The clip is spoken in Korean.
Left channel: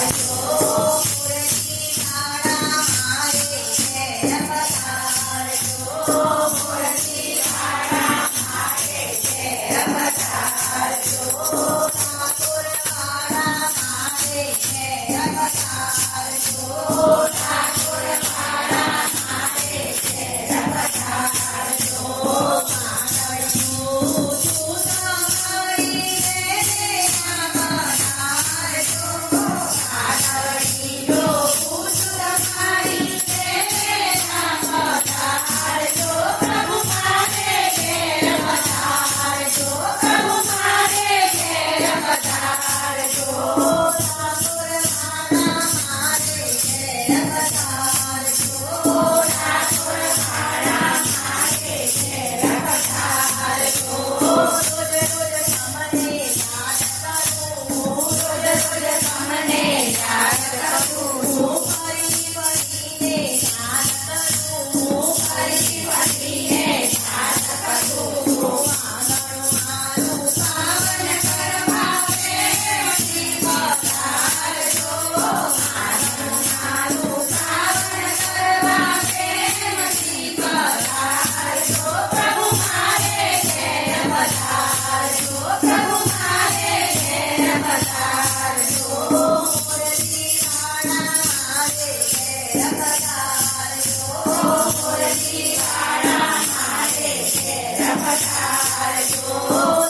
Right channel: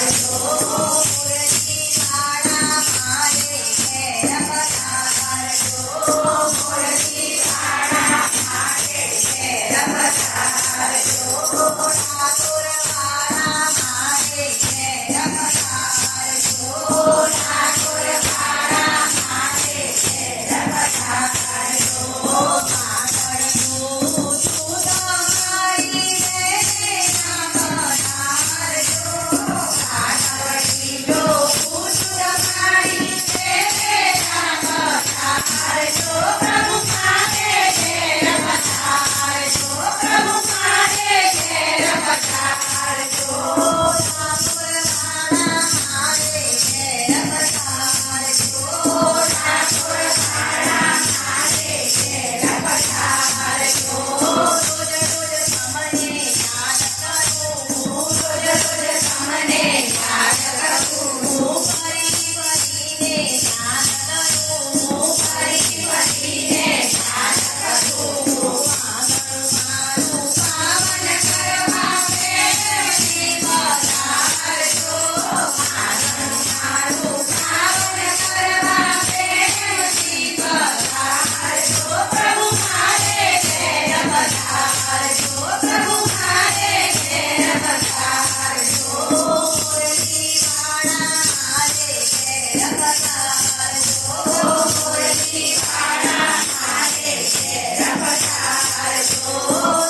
I you. Bye. 아, 나가시고.